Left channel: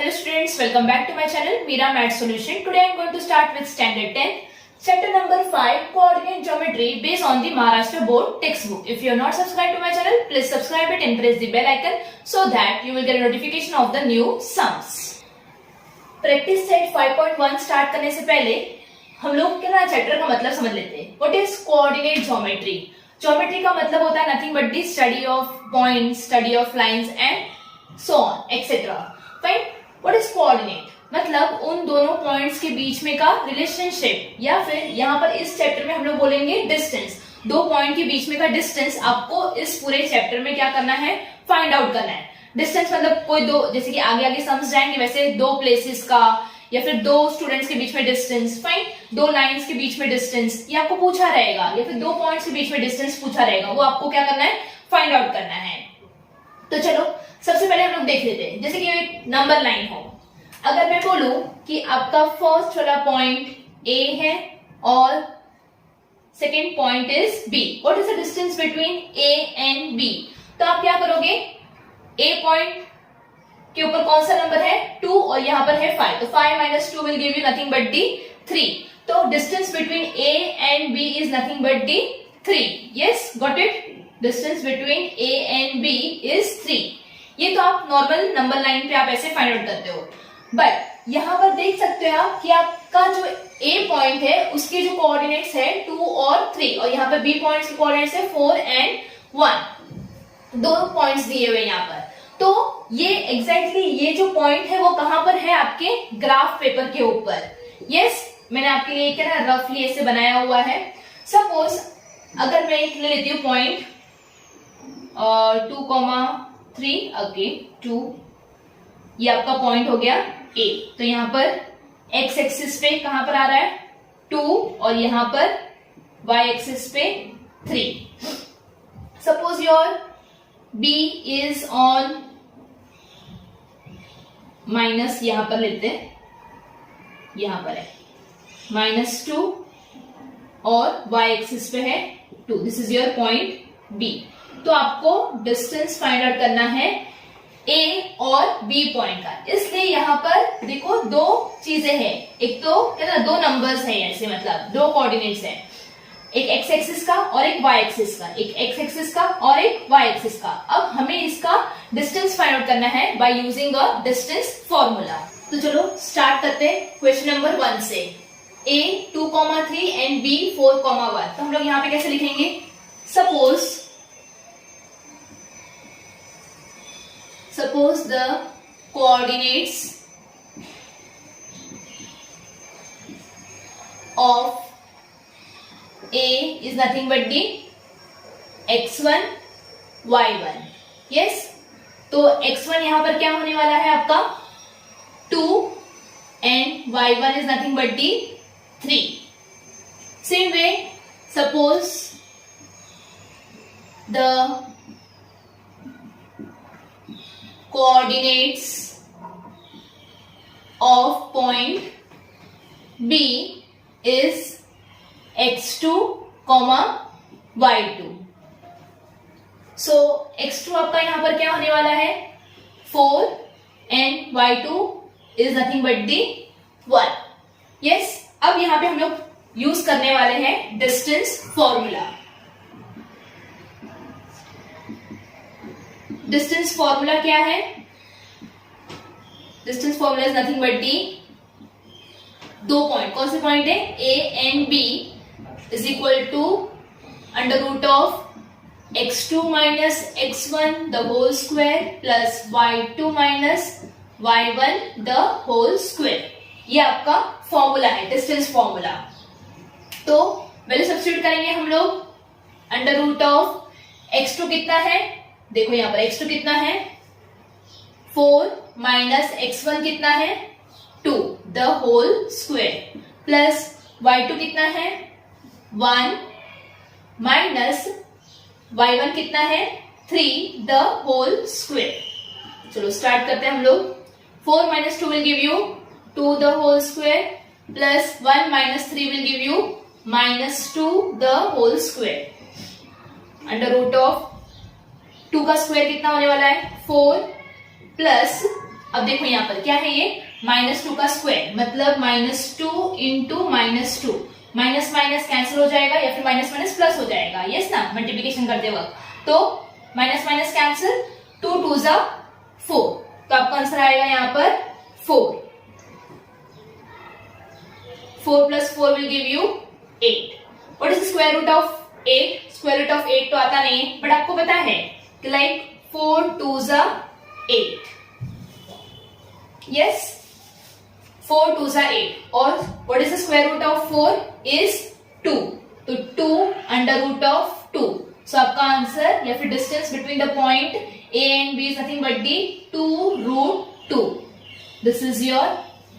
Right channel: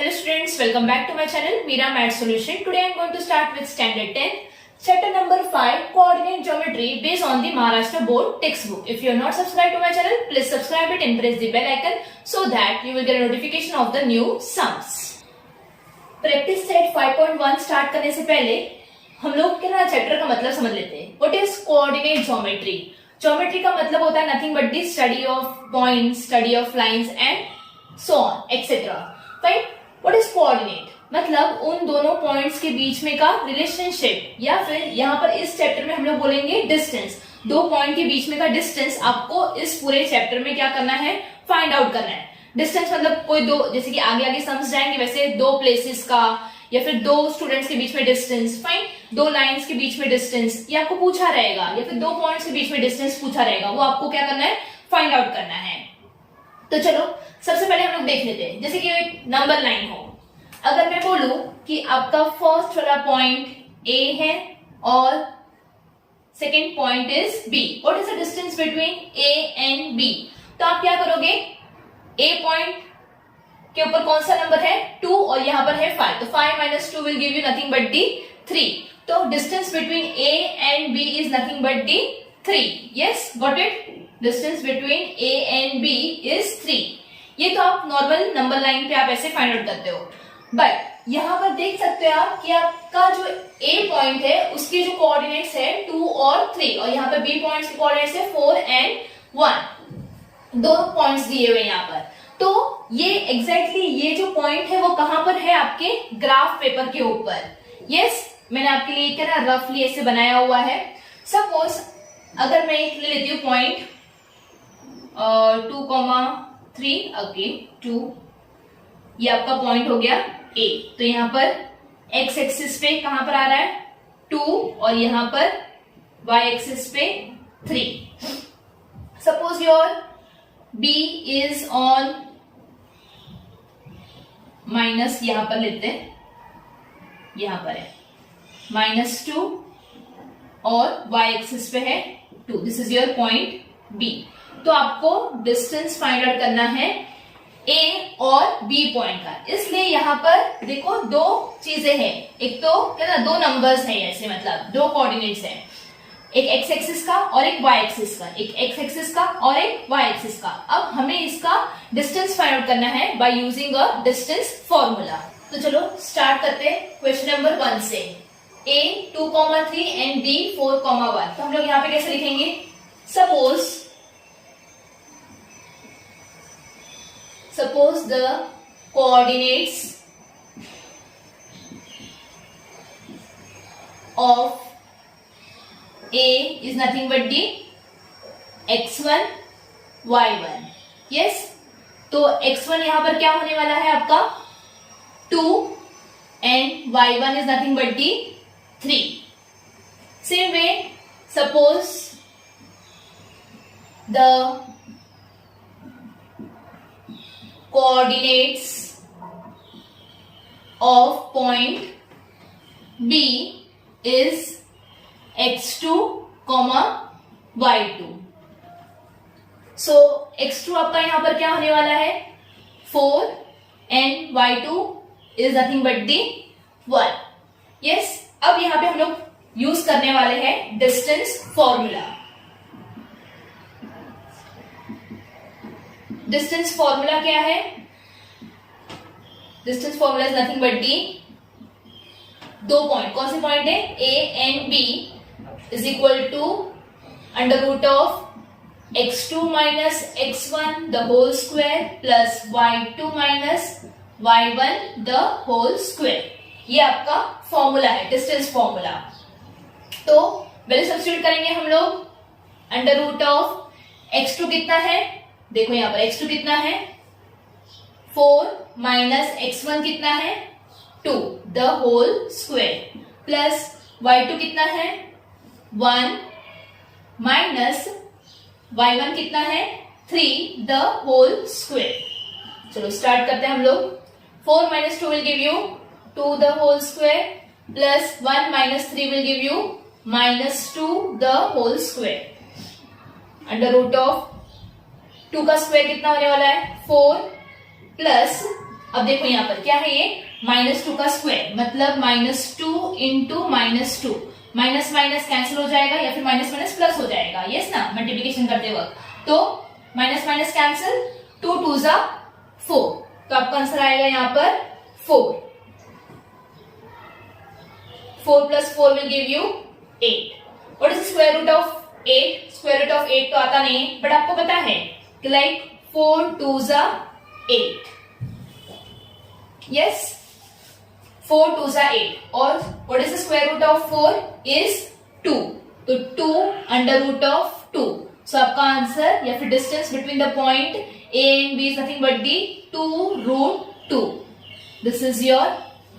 Hello students, welcome back to my channel Meera Math Solution. Today I am going to start with standard 10, chapter number 5, coordinate geometry based on the Maharashtra board textbook. If you are not subscribed to my channel, please subscribe it and press the bell icon so that you will get a notification of the new sums. Practice set 5.1 start करने से पहले हम लोग क्या chapter का मतलब समझ लेते हैं. What is coordinate geometry? Geometry का मतलब होता है nothing but the study of points, study of lines and so on etcetera. Fine. What is coordinate? मतलब उन दोनों पॉइंट्स के बीच में का रिलेशनशिप, या फिर यहाँ पर इस चैप्टर में हम लोग बोलेंगे डिस्टेंस. दो पॉइंट के बीच में का डिस्टेंस आपको इस पूरे चैप्टर में क्या करना है, फाइंड आउट करना है. डिस्टेंस मतलब कोई दो, जैसे कि आगे आगे समझ जाएंगे वैसे दो प्लेसेस का, या फिर दो स्टूडेंट्स के बीच में डिस्टेंस. फाइन. दो लाइंस के बीच में डिस्टेंस ये आपको पूछा रहेगा, या फिर दो पॉइंट्स के बीच में डिस्टेंस पूछा रहेगा, वो आपको क्या करना है, फाइंड आउट करना है. तो चलो सबसे पहले हम लोग देख लेते हैं. जैसे कि एक नंबर लाइन हो, अगर मैं बोलूं कि आपका फर्स्ट वाला पॉइंट ए है और second point is B, what is the distance between A and B? तो आप क्या करोगे, ए पॉइंट के ऊपर कौन सा नंबर है, 2, और यहां पर है 5, तो 5 minus 2 will give you nothing but the 3. तो distance between A and B is nothing but the 3. Yes, got it? Distance between A and B is 3. ये तो आप नॉर्मल नंबर लाइन पे आप ऐसे फाइंड आउट करते हो. बट यहां पर देख सकते हो आप कि आपका जो ए पॉइंट है उसके जो कोऑर्डिनेट्स है 2 और 3, और यहाँ पर बी पॉइंट्स के कोऑर्डिनेट्स है 4 एंड 1. दो पॉइंट्स दिए हुए यहाँ पर. तो ये एग्जैक्टली ये जो पॉइंट है वो कहां पर है, आपके ग्राफ पेपर के ऊपर. यस, मैंने आपके लिए क्या ना रफली ऐसे बनाया हुआ है. सपोज अगर मैं एक ले लेती हूँ पॉइंट 2,3 अगेन 2, ये आपका पॉइंट हो गया ए. तो यहाँ पर एक्स एक्सिस पे कहां पर आ रहा है 2, और यहां पर वाई एक्सिस पे 3. Suppose your B is on minus, यहां पर लेते हैं, यहां पर है -2 और y एक्सिस पे है 2. This is your point B. तो आपको डिस्टेंस फाइंड आउट करना है A और B पॉइंट का. इसलिए यहां पर देखो दो चीजें हैं, एक तो क्या ना दो नंबर्स हैं, ऐसे मतलब दो कोऑर्डिनेट्स हैं, एक x एक्सिस का और एक y एक्सिस का, एक x एक्सिस का और एक y एक्सिस का. अब हमें इसका डिस्टेंस फाइंड आउट करना है by using a distance formula. तो चलो स्टार्ट करते हैं क्वेश्चन नंबर 1 से. a 2,3 and b 4,1. तो हम लोग यहाँ पे कैसे लिखेंगे, suppose the coordinates of A is nothing but the x1 y1. yes, तो x1 यहां पर क्या होने वाला है आपका 2 and y1 is nothing but the 3. Same way, suppose the coordinates of point B is x2, y2. So x2 आपका यहां पर क्या होने वाला है 4 and y2 is nothing but the 1. yes, अब यहां पे हम लोग यूज करने वाले हैं डिस्टेंस फॉर्मूला. डिस्टेंस फॉर्मूला क्या है, distance formula is nothing but the दो पॉइंट. कौन से पॉइंट है, A and B is equal to under root of x2 minus x1 the whole square plus y2 minus y1 the whole square. ये आपका formula है, distance formula. तो value substitute करेंगे हम लोग. अंडर रूट ऑफ x2 कितना है, देखो यहां पर x2 कितना है 4 माइनस x1 कितना है 2 the whole square plus y2 कितना है 1 माइनस y1 कितना है 3 द होल स्क्वायर. चलो स्टार्ट करते हैं हम लोग. 4 minus 2 will give you 2 the whole square plus 1 minus 3 will give you -2 the whole square. Under root of 2 का स्क्वायर कितना होने वाला है 4 प्लस अब देखो यहाँ पर क्या है, ये -2 का स्क्वायर मतलब -2 इंटू -2, माइनस माइनस कैंसिल हो जाएगा या फिर माइनस माइनस प्लस हो जाएगा, यस ना, मल्टीप्लिकेशन करते वक्त। तो माइनस माइनस कैंसिल, 2 2 जा 4, तो आपका आंसर आएगा यहाँ पर 4। 4 plus 4 will give you 8. What is the square root of 8? Square root of 8 तो आता नहीं है, बट आपको पता है कि लाइक 4 2 जा 8, yes, 4 2 जा 8। और what is the square root of 4 is 2, तो 2 under root of 2। So आपका आंसर या फिर distance between the point A and B is nothing but the 2√2। This is your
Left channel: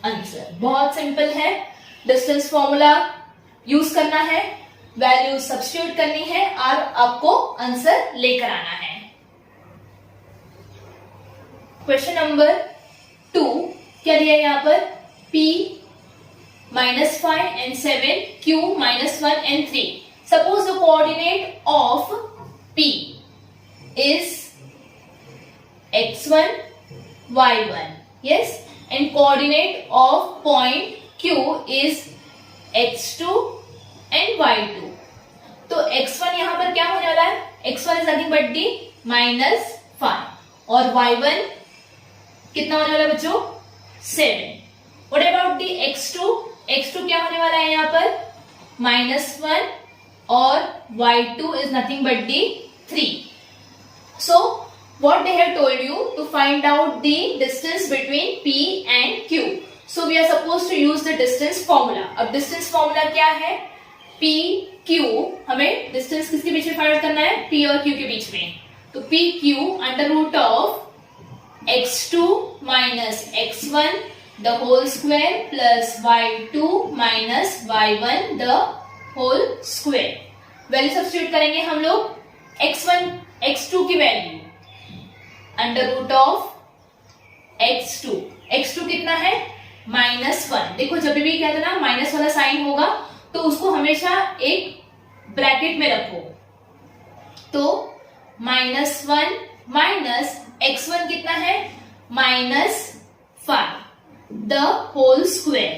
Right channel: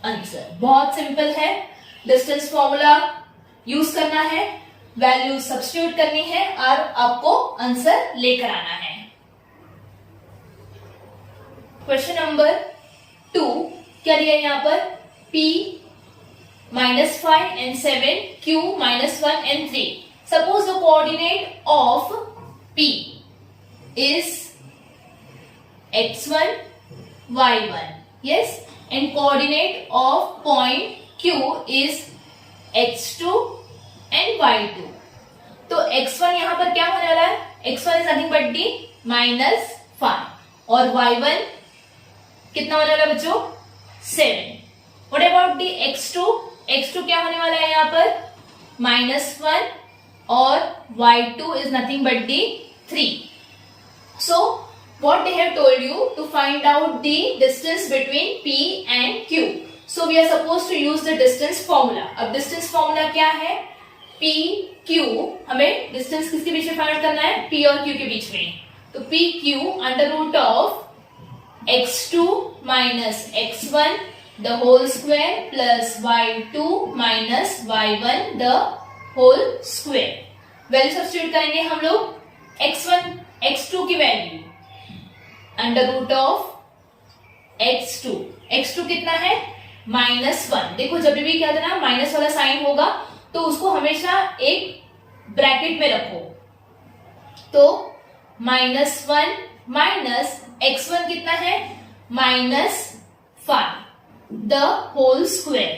answer। बहुत सिंपल है, डिस्टेंस फॉर्मूला यूज करना है, value substitute करनी है और आपको आंसर लेकर आना है। क्वेश्चन नंबर 2 क्या दिया है यहाँ पर, P -5 and 7, Q -1 and 3। Suppose the coordinate of P is x1 y1, yes, and coordinate of point Q is x2 and y2। तो x1 यहां पर क्या होने वाला है, x1 is nothing but D -5 और y1 कितना होने वाला है बच्चों, 7। What about the x2, x2 क्या होने वाला है यहाँ पर, -1 और y2 is nothing but the 3। So what they have told you to find out the distance between P and Q। So we are supposed to use the distance formula। अब distance formula क्या है, P Q, हमें distance किसके बीच में find करना है, P और Q के बीच में। तो P Q under root of x2 minus x1 the whole square plus y2 minus y1 the whole square। Value substitute करेंगे हम लोग, x1 x2 की value under root of x2, x2 कितना है -1। देखो जब भी क्या था ना, माइनस वाला साइन होगा तो उसको हमेशा एक ब्रैकेट में रखो। तो -1 माइनस x1 कितना है -5 द होल स्क्वायर।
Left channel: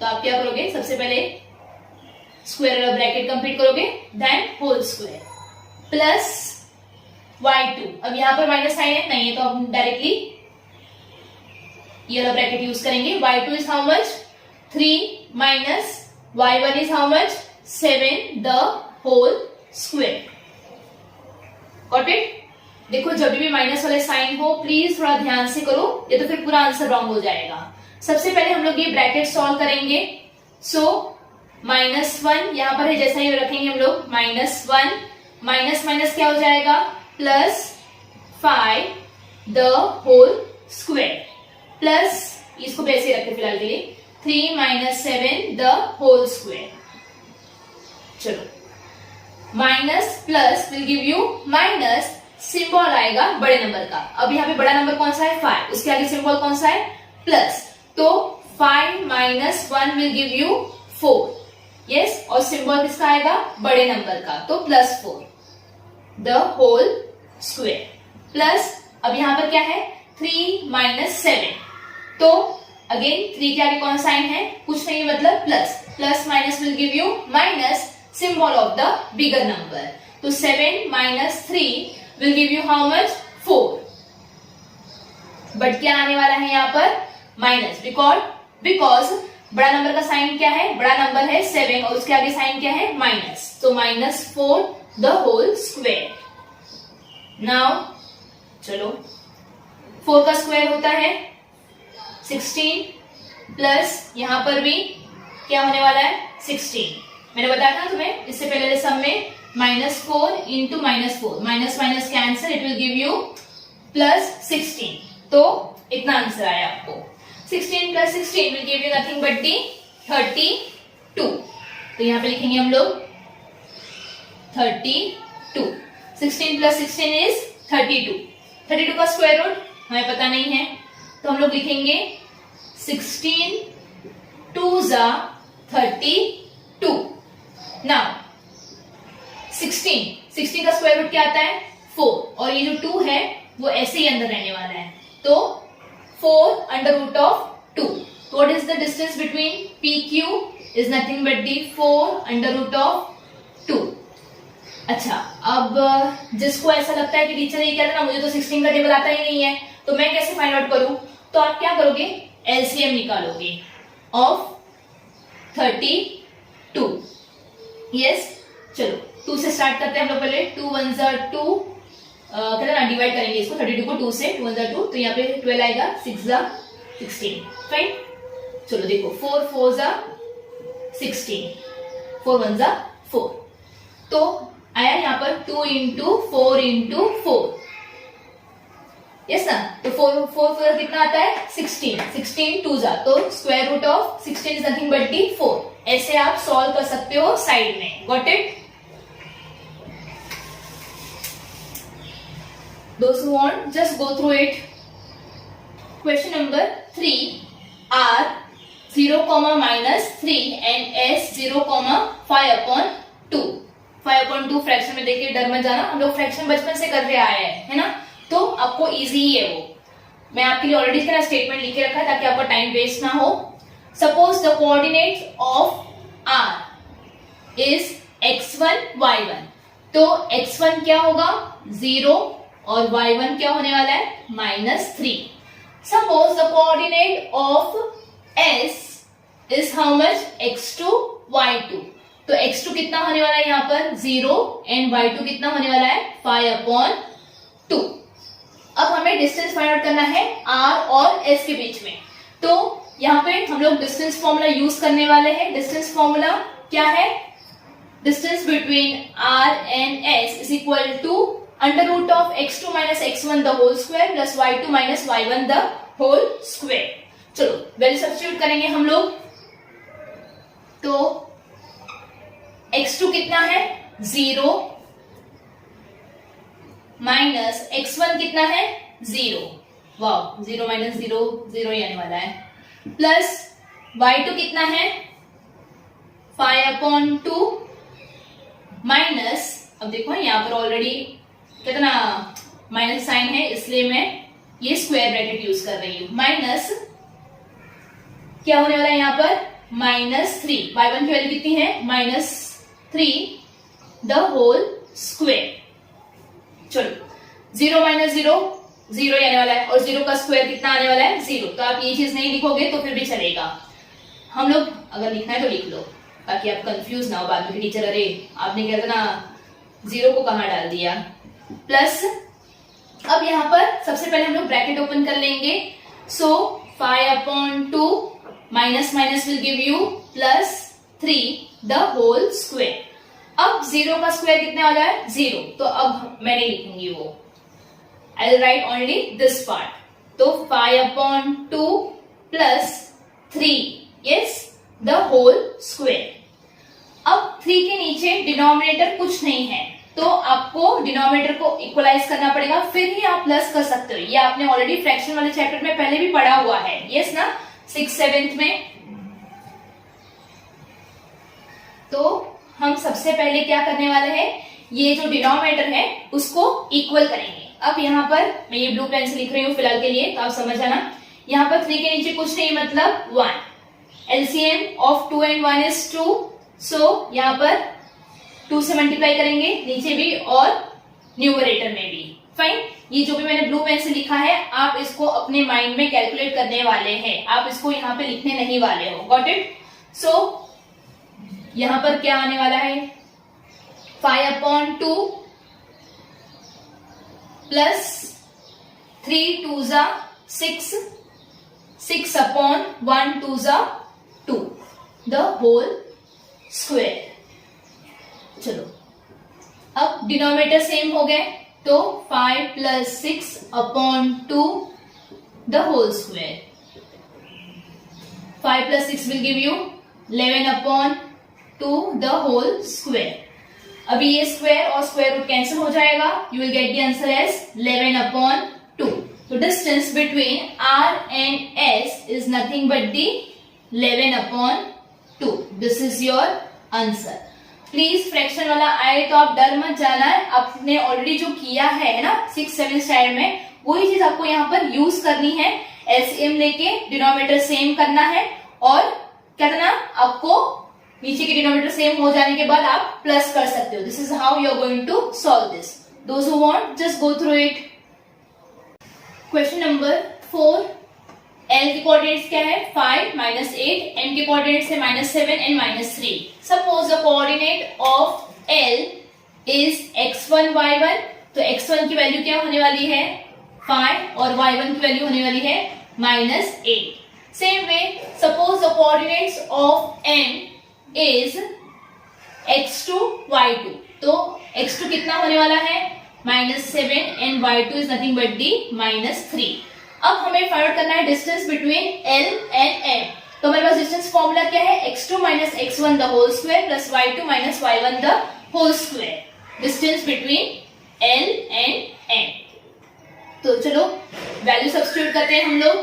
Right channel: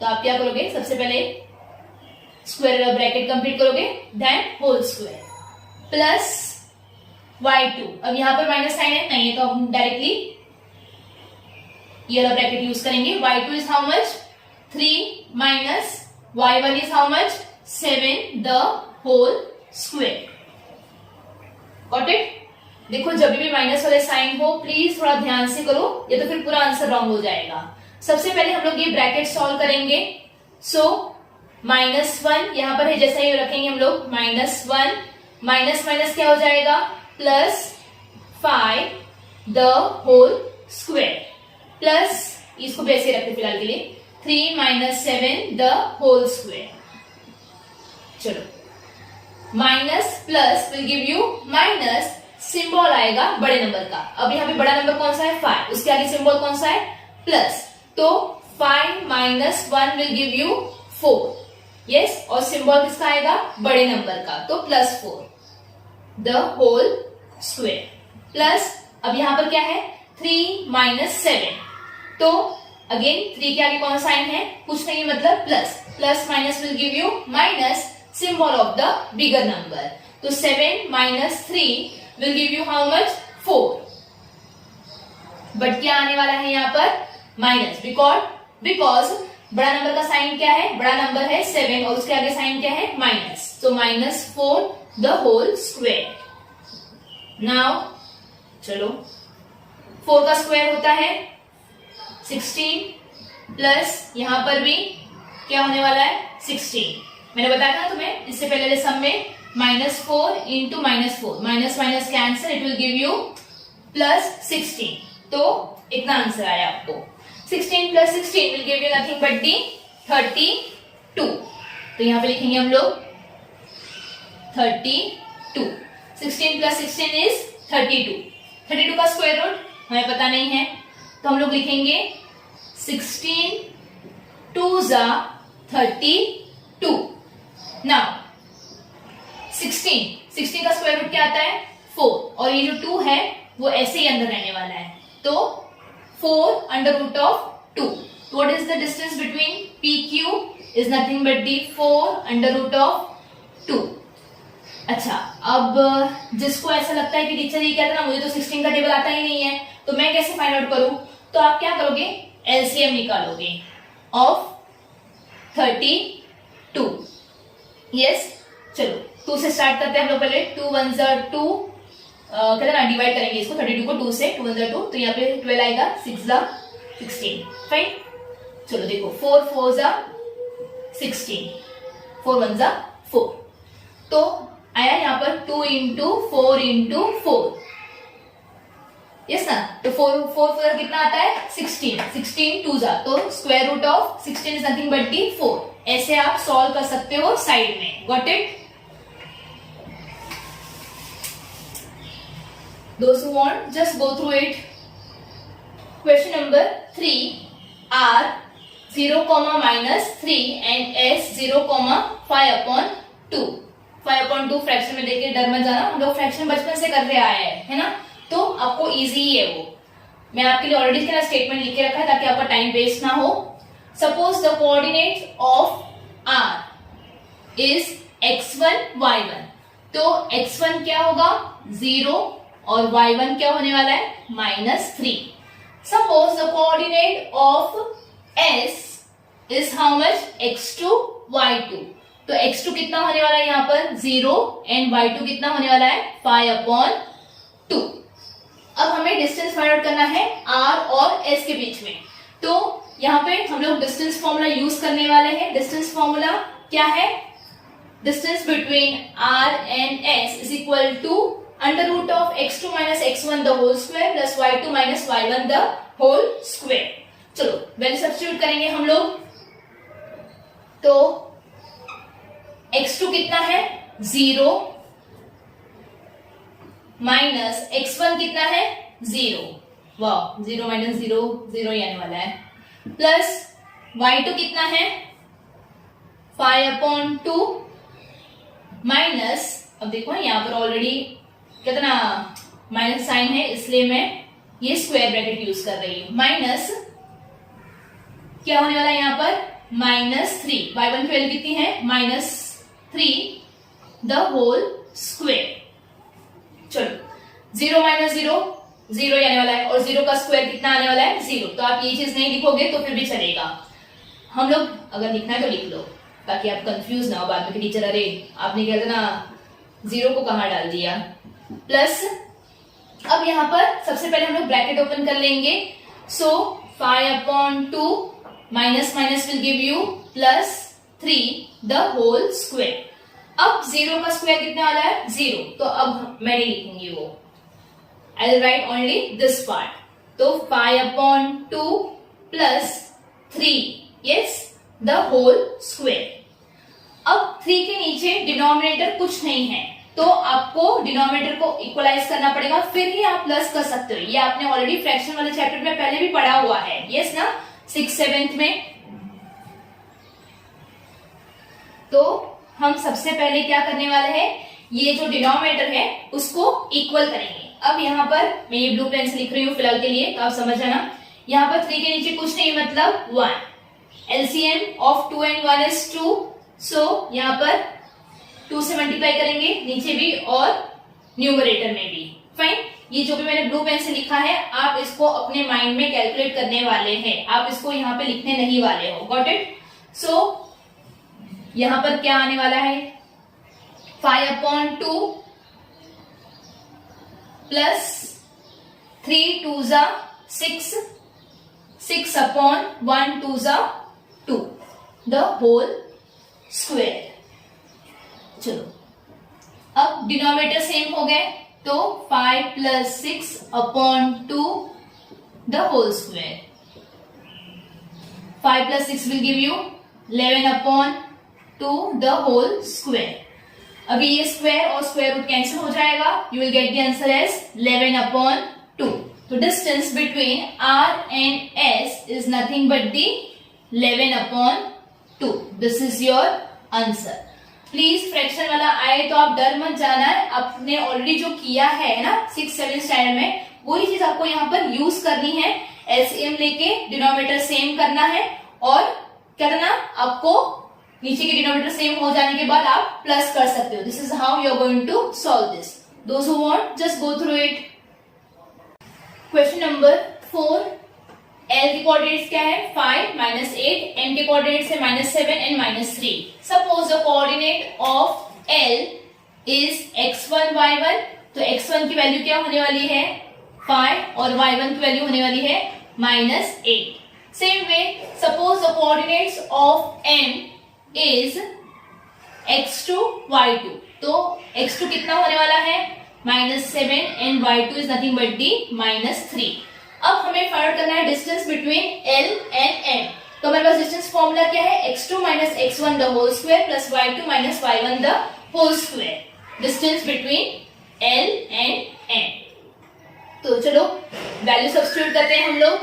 तो आप क्या करोगे, सबसे पहले स्क्वायर वाला ब्रैकेट कंप्लीट करोगे, then whole square plus y2। अब यहां पर माइनस साइन है, नहीं है तो हम डायरेक्टली ये वाला ब्रैकेट यूज करेंगे। y2 is how much, 3 minus y1 is how much, 7 the whole square. Got it. देखो जब भी माइनस वाले साइन हो प्लीज थोड़ा ध्यान से करो, ये तो फिर पूरा आंसर रॉन्ग हो जाएगा। सबसे पहले हम लोग ये ब्रैकेट सॉल्व करेंगे। सो -1 यहां पर है, जैसा ही रखेंगे हम लोग, -1 माइनस माइनस क्या हो जाएगा, +5 द होल स्क्वायर प्लस, इसको वैसे रखते फिलहाल के लिए, 3 माइनस 7 द होल स्क्वायर। चलो minus plus will give you minus, symbol आएगा बड़े नंबर का। अब यहाँ पे बड़ा नंबर कौन सा है, 5, उसके आगे सिंबल कौन सा है, प्लस। तो 5 minus 1 will give you 4, yes, और सिंबल किसका आएगा, बड़े नंबर का, तो +4 द होल स्क्वायर प्लस। अब यहां पर क्या है, 3 माइनस 7, तो अगेन 3 के आगे कौन साइन है, कुछ नहीं, मतलब plus, plus minus will give you minus, symbol of the bigger number. तो 7 minus 3 will give you how much, 4। But क्या आने वाला है यहाँ पर, माइनस, बिकॉज बड़ा नंबर का साइन क्या है, बड़ा नंबर है 7 और उसके आगे साइन क्या है, माइनस, तो -4 द होल स्क्वायर। नाउ चलो 4 का स्क्वायर होता है 16 प्लस यहां पर भी क्या होने वाला है, 16। मैंने बताया था तुम्हें इससे पहले सम में, -4 into -4, minus minus cancel, it will give you +16। तो इतना आंसर आया आपको, 16 plus 16 will give you nothing but दी 32। तो यहां पे लिखेंगे हम लोग 32। 16 प्लस 16 इज 32। 32 का स्क्वायर रूट हमें पता नहीं है, तो हम लोग लिखेंगे 16 2 जा 32। नाउ 16 का स्क्वायर रूट क्या आता है, 4, और ये जो 2 है वो ऐसे ही अंदर रहने वाला है, तो 4 under root of 2. What is the distance between PQ? Is nothing but the 4 under root of 2. अच्छा, अब जिसको ऐसा लगता है कि टीचर ये कहता है ना मुझे तो 16 का टेबल आता ही नहीं है, तो मैं कैसे फाइंड आउट करूं? तो आप क्या करोगे? एलसीएम निकालोगे ऑफ 32. यस, चलो 2 से स्टार्ट करते हैं हम लोग पहले. 2 1 2, कहते ना डिवाइड करेंगे इसको 32 को 2 से. 2 1 2, तो यहाँ पे 12 आएगा, 6 16. फाइन. चलो देखो 4 4 16, 4 1 4. तो आया यहाँ पर 2 इंटू 4 इंटू 4. यस ना, तो 4 4 कितना आता है? 16. 16 2 तो square root of 16 is nothing but the 4. ऐसे आप सॉल्व कर सकते हो साइड में. Got it? Those who want, just go through it. Question number 3. R 0, -3 and S 0, 5/2. 5/2 fraction में देखिए, डर मत जाना, हम लोग फ्रैक्शन बचपन से कर रहे आए हैं, है ना, तो आपको इजी ही है वो. मैं आपके लिए ऑलरेडी इसका स्टेटमेंट लिखे रखा है ताकि आपका टाइम वेस्ट ना हो. Suppose the coordinate of R is x1 y1. तो x1 क्या होगा? 0 और y1 क्या होने वाला है? -3. Suppose the coordinate of S is how much? x2 y2. तो x2 कितना होने वाला है यहाँ पर? 0 एंड y2 कितना होने वाला है? 5/2. अब हमें डिस्टेंस फाइंड आउट करना है R और S के बीच में. तो यहाँ पे हम लोग डिस्टेंस फॉर्मूला यूज करने वाले हैं. डिस्टेंस फॉर्मूला क्या है? Distance between R and S is equal to under root of x2 - x1 the whole square plus y2 - y1 the whole square. चलो वैल्यू सब्स्टिट्यूट करेंगे हम लोग. तो x2 कितना है? 0 माइनस x1 कितना है? 0. वाह, 0 - 0 0 ही आने वाला है. प्लस y2 कितना है? 5/2 माइनस, अब देखो यहाँ पर ऑलरेडी कितना माइनस साइन है, इसलिए मैं ये स्क्वायर ब्रैकेट यूज कर रही हूं. माइनस क्या होने वाला है यहाँ पर? -3. y1 की वैल्यू कितनी है? -3 द होल स्क्वायर. चलो 0 - 0 0 ही आने वाला है, और 0 का स्क्वायर कितना आने वाला है? 0. तो आप ये चीज नहीं लिखोगे तो फिर भी चलेगा. हम लोग अगर लिखना है तो लिख लो ताकि आप कंफ्यूज ना हो बाद में. टीचर अरे आपने क्या ना 0 को कहां डाल दिया. प्लस अब यहाँ पर सबसे पहले हम लोग ब्रैकेट ओपन कर लेंगे. So 5/2 minus minus will give you +3 the whole square. अब 0 का स्क्वायर कितने वाला है? 0. तो अब मैं नहीं लिखूंगी वो, I will write only this part. तो 5/2 +3 यस द होल स्क्वायर. अब 3 के नीचे डिनोमिनेटर कुछ नहीं है, तो आपको डिनोमिनेटर को इक्वलाइज करना पड़ेगा, फिर ही आप प्लस कर सकते हो. ये आपने ऑलरेडी फ्रैक्शन वाले चैप्टर में पहले भी पढ़ा हुआ है. यस ना, 6th 7th में. तो हम सबसे पहले क्या करने वाले हैं? ये जो डिनोमिनेटर है उसको इक्वल करेंगे. अब यहाँ पर मैं ये ब्लू पेन से लिख रही हूँ फिलहाल के लिए, तो आप समझ जाना. यहाँ पर 3 के नीचे कुछ नहीं, मतलब 1. LCM of 2 and 1 is 2. सो यहाँ पर 2 से मल्टीप्लाई करेंगे नीचे भी और न्यूमरेटर में भी. फाइन. ये जो भी मैंने ब्लू पेन से लिखा है आप इसको अपने माइंड में कैलकुलेट करने वाले हैं, आप इसको यहाँ पे लिखने नहीं वाले हो. Got it? सो यहाँ पर क्या आने वाला है? 5/2 प्लस 3 2 6 6/1 2 2 द होल स्क्वायर. चलो अब डिनोमिनेटर सेम हो गए, तो 5 + 6/2 the whole square. 5 + 6 will give you 11/2 the whole square. अभी ये स्क्वायर और स्क्वायर रूट कैंसिल हो जाएगा. You will get the answer as 11/2. तो distance between R and S is nothing but the 11/2. This is your answer. Please fraction वाला आए तो आप डर मत जाना है, आपने ऑलरेडी जो किया है ना 6th 7th स्टैंडर्ड में, वही चीज आपको यहाँ पर यूज करनी है. एलसीएम लेके डिनोमिनेटर सेम करना है और क्या करना, आपको नीचे के डिनोमिनेटर सेम हो जाने के बाद आप प्लस कर सकते हो. This is how you are going to solve this. Those who want just go through it. Question number 4. L के कोऑर्डिनेट्स क्या है 5 माइनस 8, M के कोऑर्डिनेट्स है minus 7 and minus 3. Suppose the coordinate of L is x1 y1. तो x1 की value क्या होने वाली है 5 और y1 की वैल्यू होने वाली है minus 8. Same way suppose the coordinates of M is x2 y2. तो x2 कितना होने वाला है minus 7 and y2 is nothing but the minus 3. अब हमें फाइंड आउट करना है distance between L and M. तो हमारे पास डिस्टेंस फॉर्मूला क्या है x2 minus x1 the whole square plus y2 minus y1 the whole square. Distance between L and M. तो चलो वैल्यू सब्स्टिट्यूट करते हैं हम लोग.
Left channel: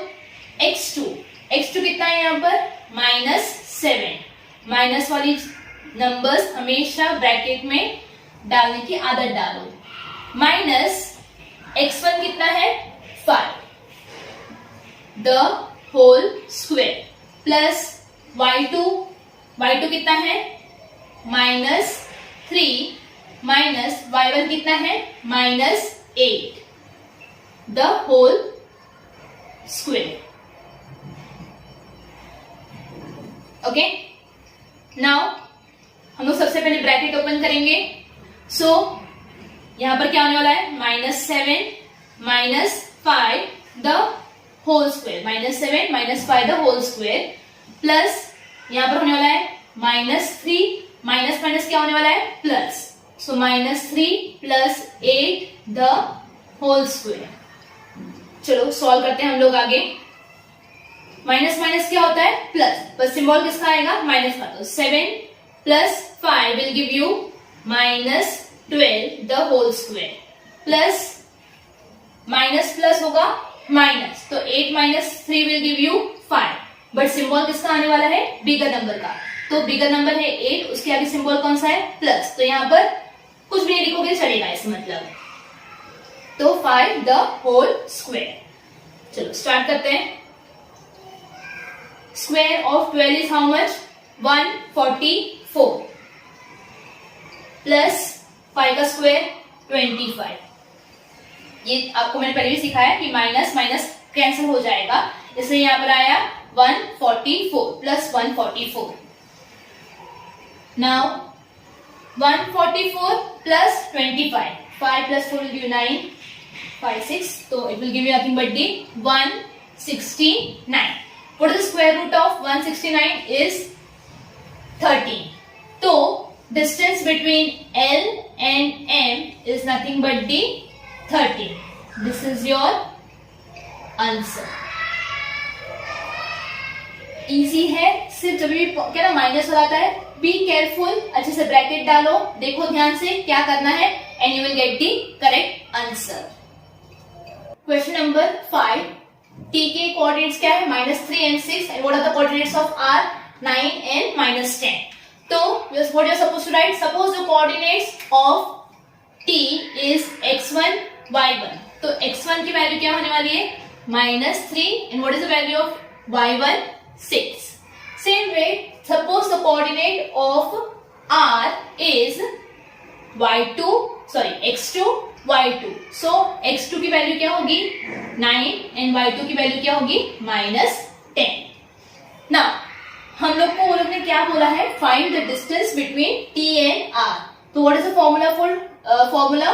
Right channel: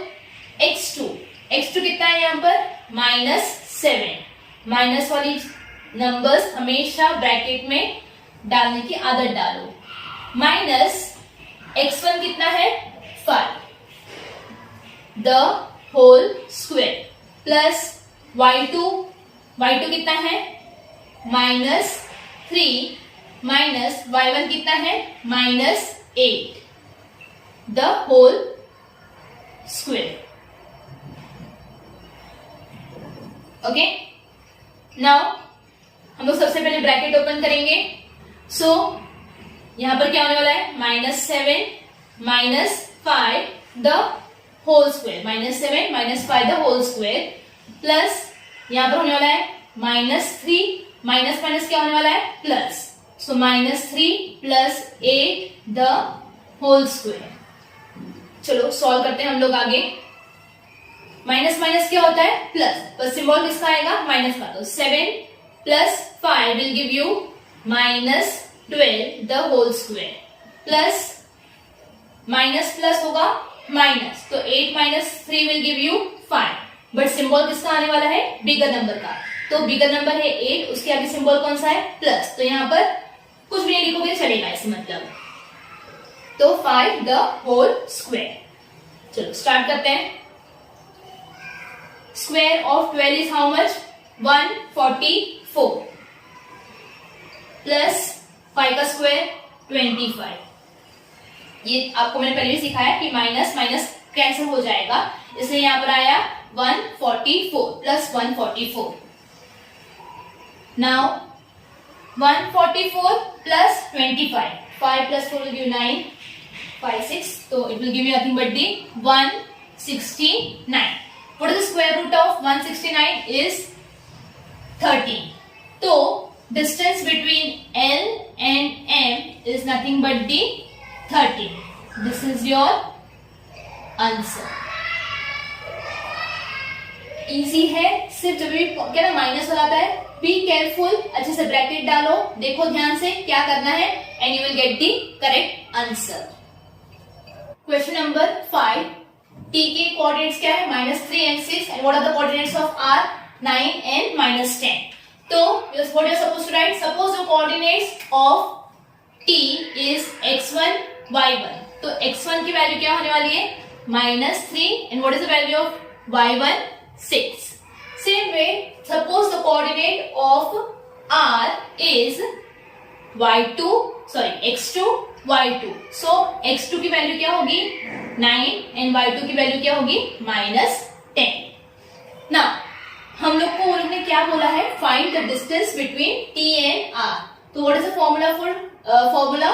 x2 कितना है यहाँ पर माइनस 7. माइनस वाली नंबर्स हमेशा ब्रैकेट में डालने की आदत डालो. माइनस x1 कितना है 5 the whole square plus y2 कितना है माइनस 3 माइनस y1 कितना है minus 8 the whole square. Okay, now हम लोग सबसे पहले ब्रैकेट ओपन करेंगे. सो यहां पर क्या होने वाला है minus 7 minus 5 the whole square. Minus 7 minus 5 the whole square plus यहां पर होने वाला है माइनस 3 माइनस माइनस क्या होने वाला है plus. So minus 3 plus 8 the whole square. चलो सॉल्व करते हैं हम लोग आगे. माइनस माइनस क्या होता है प्लस, बस सिंबल किसका आएगा माइनस का. तो 7 plus 5 will give you minus 12 the whole square plus minus plus होगा माइनस. तो 8 minus 3 will give you 5. But symbol किसका आने वाला है बिगर नंबर का. तो बिगर नंबर है 8, उसके आगे सिंबल कौन सा है प्लस. तो यहाँ पर कुछ भी नहीं लिखोगे चलेगा इस मतलब. तो 5 द होल स्क्वायर. चलो स्टार्ट करते हैं. Square of 12 is how much 144 plus 5 का स्क्वायर 25. ये आपको मैंने पहले भी सिखाया कि माइनस माइनस कैंसिल हो जाएगा, इसलिए यहां पर आया 144 plus 144. Now 144 plus 25. 5 plus 4 will give you 9. 5 6. So it will give you nothing but the 169. What is the square root of 169 is 13. So distance between L and M is nothing but the 13. This is your answer. Easy है, सिर्फ जब भी क्या ना minus हो जाता है be careful, अच्छे से ब्रैकेट डालो, देखो ध्यान से क्या करना है and you will get the correct answer. Question number 5. T के कोऑर्डिनेट्स क्या है -3 and 6 and what are the coordinates of r 9 and -10. तो what you are supposed to write, suppose the coordinates of t is x1 y1. तो x1 की value क्या होने वाली है -3 and what is the value of y1 6. Same way, suppose the coordinate of r is x2 y2. So x2 की value क्या होगी 9 and y2 की वैल्यू क्या होगी -10. Now हम लोग को वो लोग ने क्या बोला है find the distance between t and r. तो what is the formula for formula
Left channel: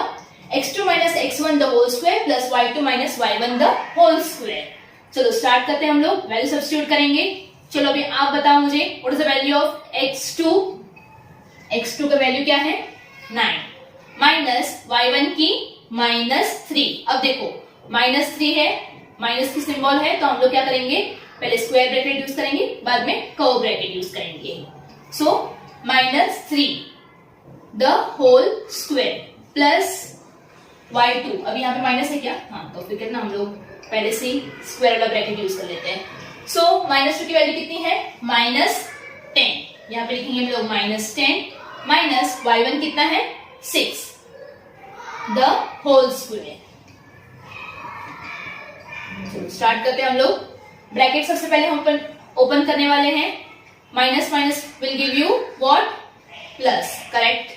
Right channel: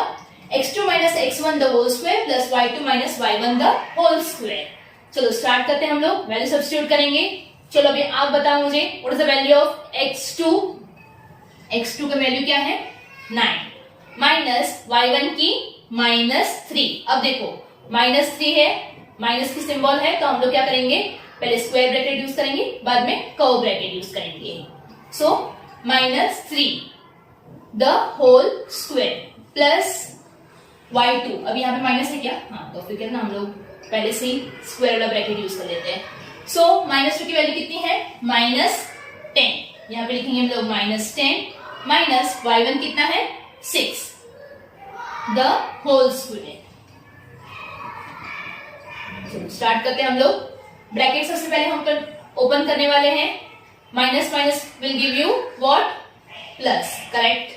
x2 minus x1 the whole square plus y2 minus y1 the whole square. चलो स्टार्ट करते हैं हम लोग, वैल्यू सब्स्टिट्यूट करेंगे. चलो अभी आप बताओ मुझे what is the value of x2 का वैल्यू क्या है 9 माइनस y1 की -3. अब देखो -3 है, माइनस की सिंबल है, तो हम लोग क्या करेंगे पहले स्क्वायर ब्रैकेट यूज करेंगे, बाद में कर्व ब्रैकेट यूज करेंगे. So -3 the whole square plus y2. अब यहाँ पे माइनस है क्या, हाँ तो फिर ना हम लोग पहले से ही स्क्वायर वाला ब्रैकेट यूज कर लेते हैं. सो -2 की वैल्यू कितनी है -10. यहाँ पे लिखेंगे हम लोग -10 माइनस y1 कितना है 6 द होल स्क्वायर. स्टार्ट करते हैं हम लोग। ब्रैकेट सबसे पहले हम ओपन करने वाले हैं। Minus minus will give you what? Plus, correct.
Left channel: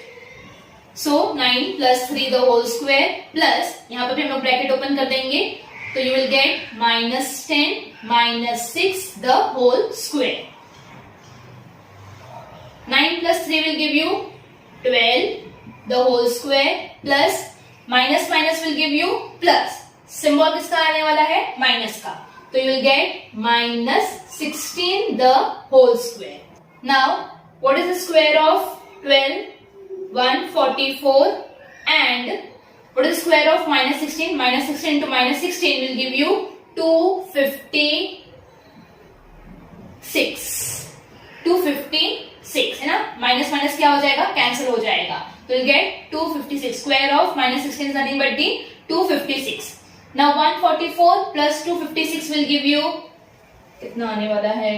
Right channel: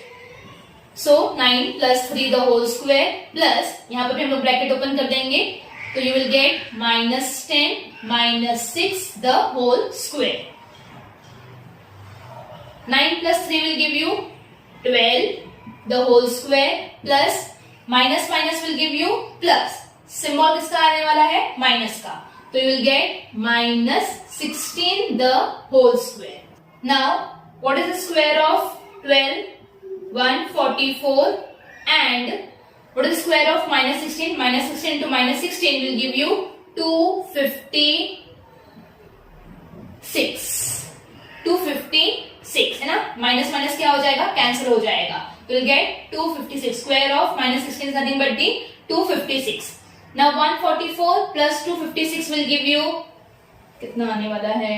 So 9 plus 3 the whole square plus, यहाँ पर भी हम लोग ब्रैकेट ओपन कर देंगे तो you will get -10 minus 6 the whole square. 9 plus 3 will give you 12 the whole square plus minus minus will give you plus। Symbol किसका आने वाला है? माइनस का, तो you will get -16 the whole square। Now what is the square of 12? 144 and what is the square of -16? -16 into -16 will give you 256। 256 है ना, minus minus क्या हो जाएगा? कैंसिल हो जाएगा, तो will get 256। Square of -16 is nothing but the 256। Now 144 plus 256 will give you कितना आने वाला है?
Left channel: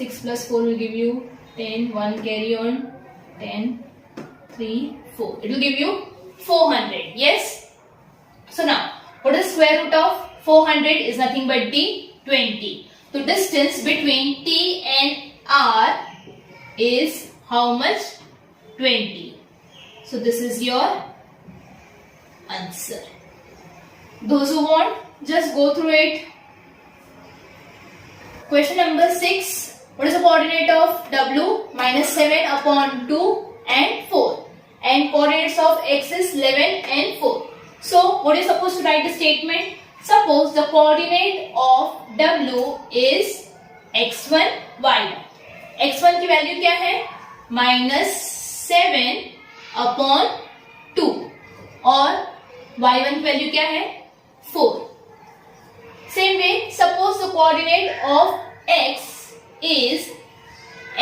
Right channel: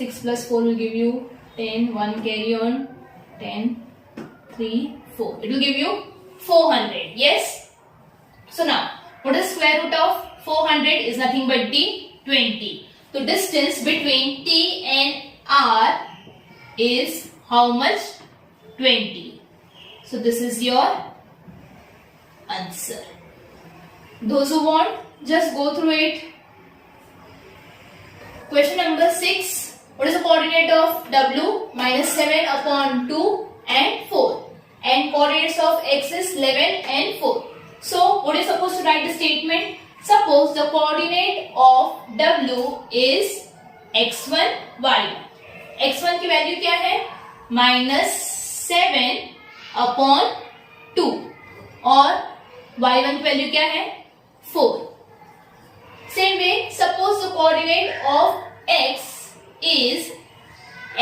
6 plus 4 will give you 10, 1 carry on, 10, 3, 4. It will give you 400. Yes? So now, what is square root of 400? Is nothing but the 20. So distance between T and R is how much? 20. So this is your answer. Those who want, just go through it. Question number 6. What is the coordinate of W? -7 upon 2 and 4. And coordinates of X is 11 and 4. So what is supposed to write the statement? Suppose the coordinate of W is x1, y1. x1 की value क्या है? -7 upon 2 और y1 की value क्या है? 4. Same way, suppose the coordinate of x is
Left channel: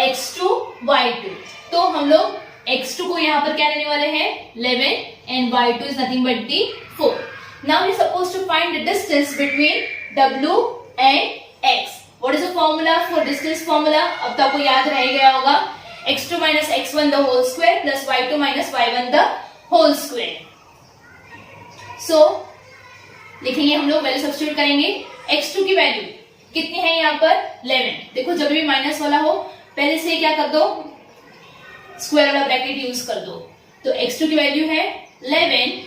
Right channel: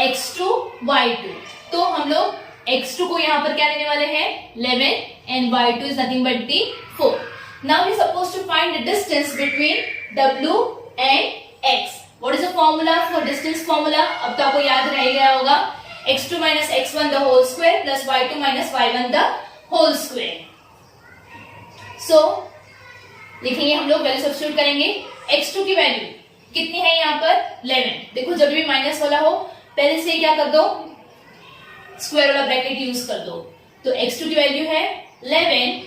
x2, y2. तो हम लोग x2 को यहाँ पर क्या लेने वाले हैं? 11 and y2 is nothing but the 4. Now we are supposed to find the distance between W and X. What is the formula for distance formula? अब तो आपको याद रह गया होगा, x2 minus x1 the whole square plus y2 minus y1 the whole square. So लिखेंगे हम लोग, वैल्यू सब्स्टिट्यूट करेंगे। x2 की वैल्यू कितनी है यहाँ पर? 11। देखो जब भी माइनस वाला हो पहले से क्या कर दो? स्क्वायर वाला ब्रैकेट यूज कर दो। तो x2 की वैल्यू है 11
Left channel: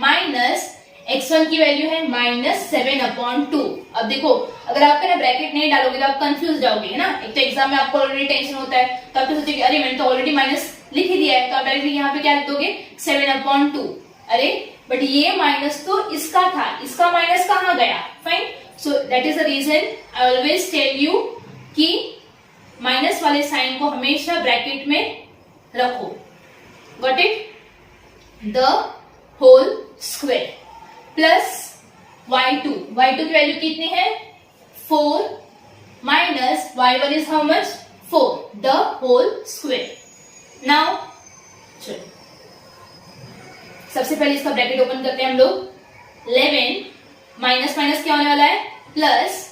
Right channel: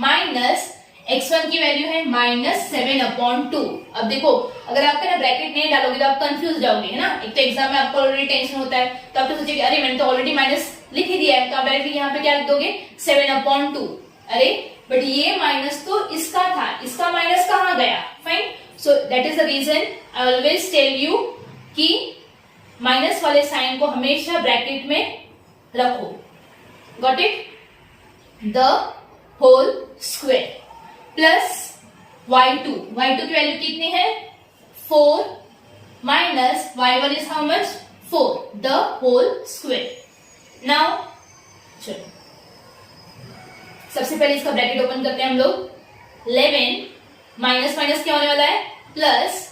माइनस x1 की वैल्यू है -7 अपॉन 2। अब देखो अगर आप ना ब्रैकेट नहीं डालोगे तो आप कंफ्यूज जाओगे, है ना। एक तो एग्जाम में आपको ऑलरेडी टेंशन होता है, तो आप तो सोचेंगे अरे मैंने तो ऑलरेडी माइनस लिख ही दिया है, तो आप डायरेक्टली यहाँ पे क्या लिख दोगे? 7 अपॉन 2। अरे बट ये माइनस तो इसका था, इसका माइनस कहाँ गया? Fine. So that is the reason I always tell you कि माइनस वाले साइन को हमेशा ब्रैकेट में रखो। Got it? The whole square plus y2 की वैल्यू कितनी है? 4 minus y1 is how much? 4 the whole square. Now चलो सबसे पहले इसका ब्रैकेट ओपन करते हैं हम लोग। 11 माइनस माइनस क्या होने वाला है? Plus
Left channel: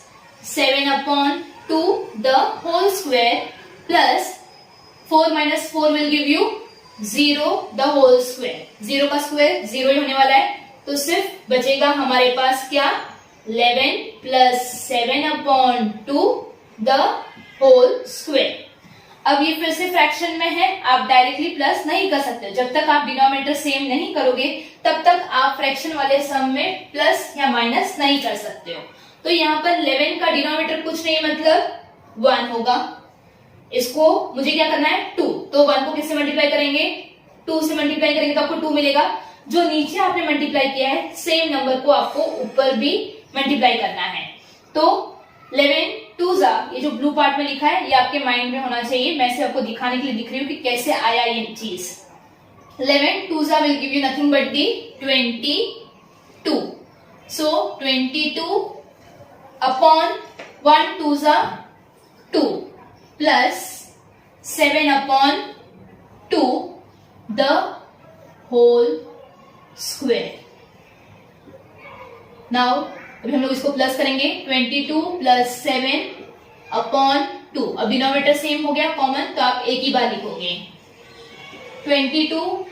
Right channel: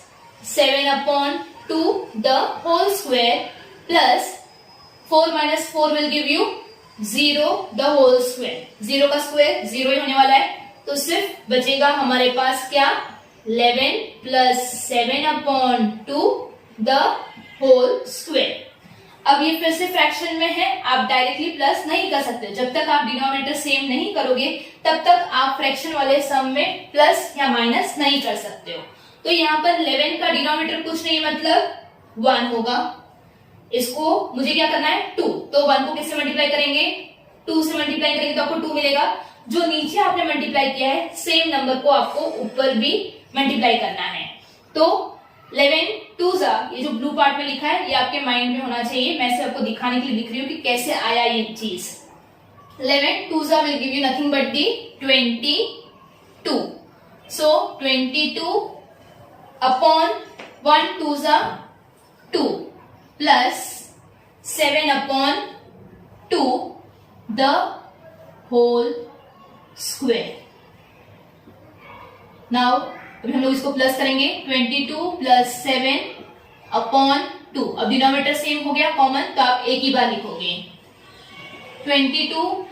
7 upon 2 the whole square plus 4 minus 4 will give you 0 the whole square. 0 का स्क्वायर 0 ही होने वाला है, तो सिर्फ बचेगा हमारे पास क्या? 11 plus 7 upon 2 the whole square. अब ये फिर से फ्रैक्शन में है, आप डायरेक्टली प्लस नहीं कर सकते। जब तक आप डिनोमिनेटर सेम नहीं करोगे तब तक आप फ्रैक्शन वाले सम में प्लस या माइनस नहीं कर सकते हो। तो यहाँ पर 11 का डिनोमिनेटर कुछ नहीं मतलब 1 होगा। इसको मुझे क्या करना है? 2। तो 1 को किससे मल्टीप्लाई करेंगे? 2 से मल्टीप्लाई करेंगे तो आपको 2 मिलेगा। जो नीचे आपने मल्टीप्लाई किया है सेम नंबर को आपको ऊपर भी मल्टीप्लाई करना है। तो 11 2 ये जो ब्लू पार्ट में लिखा है ये आपके माइंड में होना चाहिए। मैं सिर्फ आपको दिखाने के लिए दिख रही हूँ कि कैसे आया ये चीज। 11 2 will give you nothing but the 22। So 22 upon 1 2 2 plus 7 upon 2 the whole square. Now अभी हम लोग इसको प्लस करेंगे। 22 प्लस 7 अपॉन 2। अब डिनोमिनेटर सेम हो गया कॉमन, तो आप एक ही बार लिखोगे। 22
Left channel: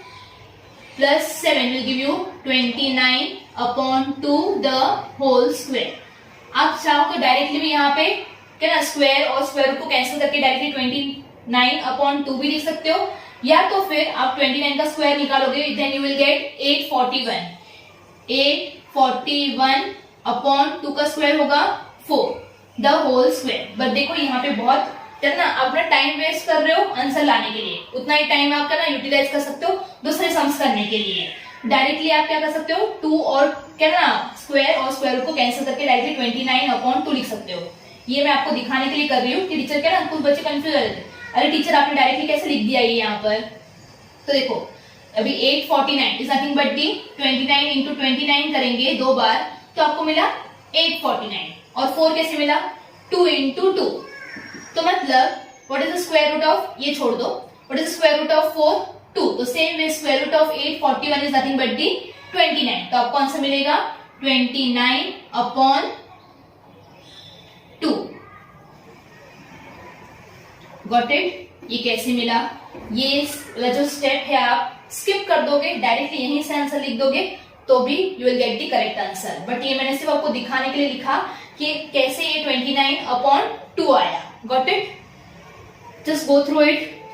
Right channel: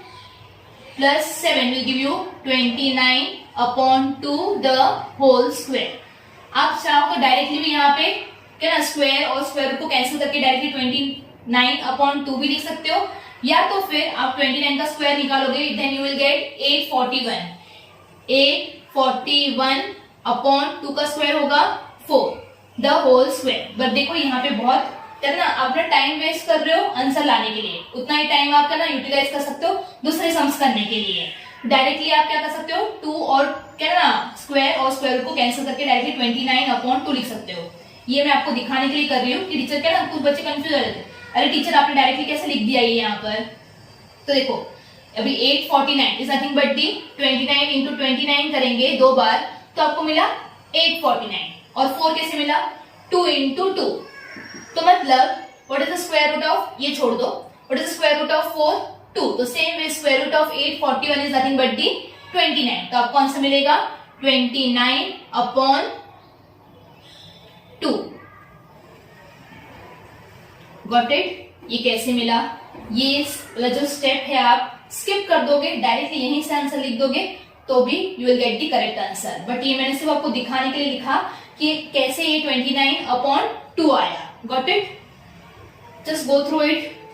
plus 7 will give you 29 upon 2 the whole square. आप चाहो तो डायरेक्टली भी यहाँ पे क्या ना स्क्वायर और स्क्वायर रूट को कैंसिल करके डायरेक्टली 29 अपॉन 2 भी लिख सकते हो, या तो फिर आप 29 का स्क्वायर निकालोगे, then you will get 841 upon 2 का स्क्वायर होगा 4 द होल स्क्वायर। बट देखो यहाँ पे बहुत ना आप टाइम वेस्ट कर रहे हो आंसर लाने के लिए, उतना ही टाइम आप करना यूटिलाइज कर सकते हो दूसरे सम्स करने के लिए। डायरेक्टली आप क्या कर सकते हो, 2 और क्या ना स्क्वायर और स्क्वायर रूट को कैंसिल करके डायरेक्टली 29 अपॉन 2 लिख सकते हो। ये मैं आपको दिखाने के लिए कर रही हूँ कि टीचर क्या ना कुछ बच्चे कंफ्यूज हो रहे थे, अरे टीचर आपने डायरेक्टली कैसे लिख दिया ये यहाँ पर। तो देखो अभी 849 is nothing but the 29 into 29 करेंगे 2 बार तो आपको मिला 849, और 4 कैसे मिला 2 इंटू 2। तो मतलब what is the square root of, ये छोड़ दो, what is the square root of 4 2। तो same way square root of 841 is nothing but the 29। तो आपको आंसर मिलेगा 29 अपॉन 2। Got it? ये कैसे मिला, ये जो स्टेप है आप स्किप कर दोगे, डायरेक्टली यहीं से आंसर लिख दोगे तो भी you will get the correct answer. But ये मैंने सिर्फ आपको दिखाने के लिए लिखा कि कैसे ये 29 अपॉन 2 आया। Got it? Just go through it.